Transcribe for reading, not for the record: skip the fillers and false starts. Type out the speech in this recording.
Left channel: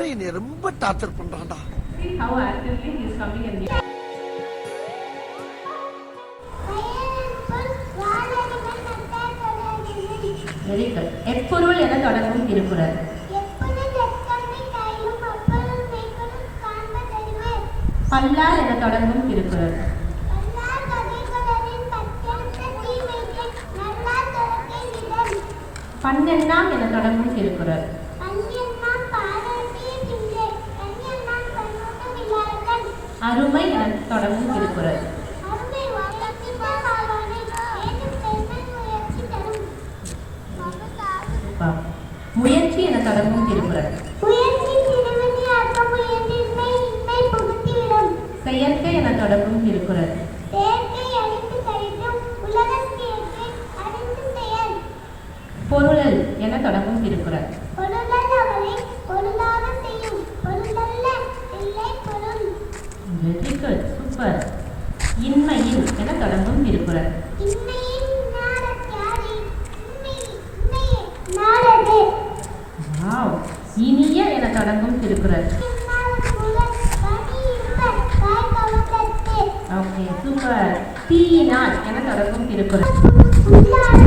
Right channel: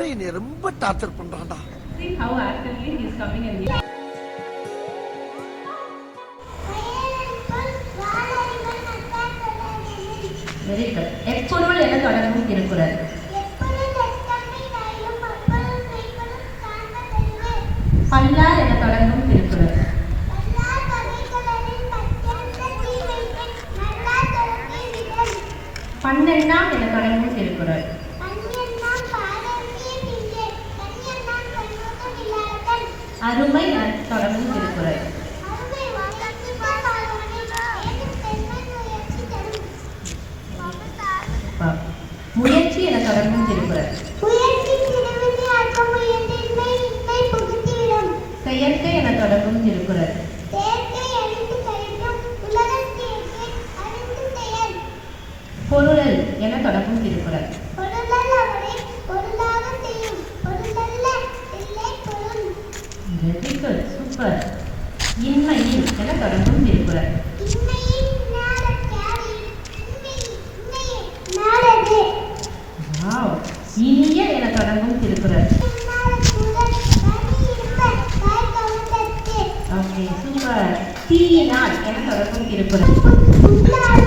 சங்கரை என்னை ரொம்ப torture பண்றான்டா. See how actively he is coming in here. Very good. எப்பொருள் என தொடங்கும் திருக்குறள். பல்லார் என தொடங்கும் திருக்குறள். பன்னெண்ணாம் என தொடங்கும் திருக்குறள். அருமை என தொடங்கும் திருக்குறள். முயற்சி என தொடங்கும் திருக்குறள். செயற்கை என தொடங்கும் திருக்குறள். பொருளல் என தொடங்கும் திருக்குறள். Very good, super. இன்மையில் என தொடங்கும் திருக்குறள். வாவ். இனிய என தொடங்கும் திருக்குறள். Okay, super. தீயினால் என தொடங்கும் திருக்குறள்.